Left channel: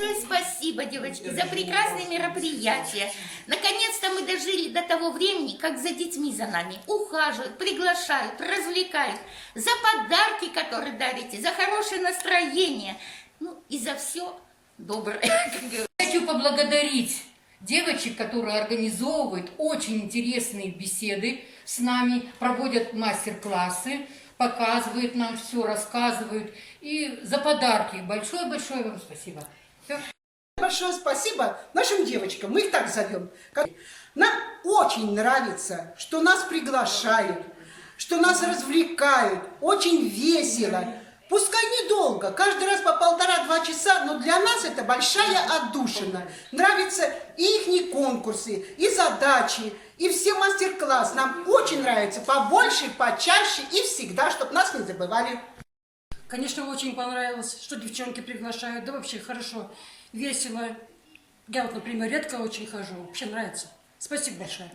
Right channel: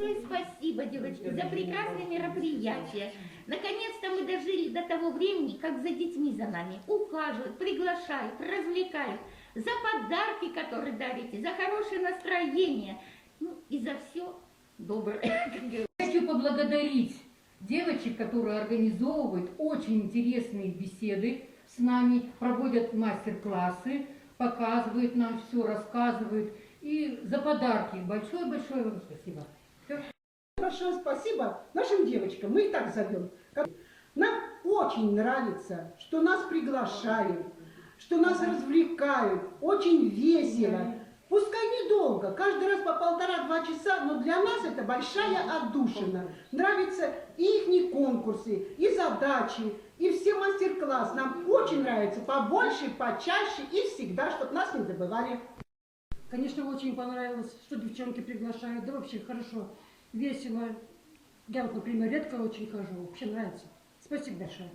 Большое спасибо, девочки, за прекрасные мероприятия. Наконец-то мы дожили до того времени, как за детьми за нами ухаживают, приглашают, развлекают, за подарки, которые дарите, за хорошее настроение, ну и за все доброе. Хочу поблагодарить девочек, которые организовывают очень интересные беседы с нами, проводят мастер-классы, показывают нам все, рассказывают. И за подарки большое-большое вам спасибо. Большое спасибо нашим девочкам, мы их так зовем. Нам очень нравится, что нас приглашают, что нас развлекают, очень весело. Пускай недолго, каждый раз по 1,5-2 часа, но для нас это большая отдушина. Нравятся и их конкурсы, и задачи, и все мастер-классы. Нам очень нравится побольше, почаще и всегда, чтобы нас не забывали. Конечно, очень понравилось, что девчонки приглашают, да вообще хорошо, весело. Я вот, например, редко очень хожу, вообще нравится. Спасибо большое.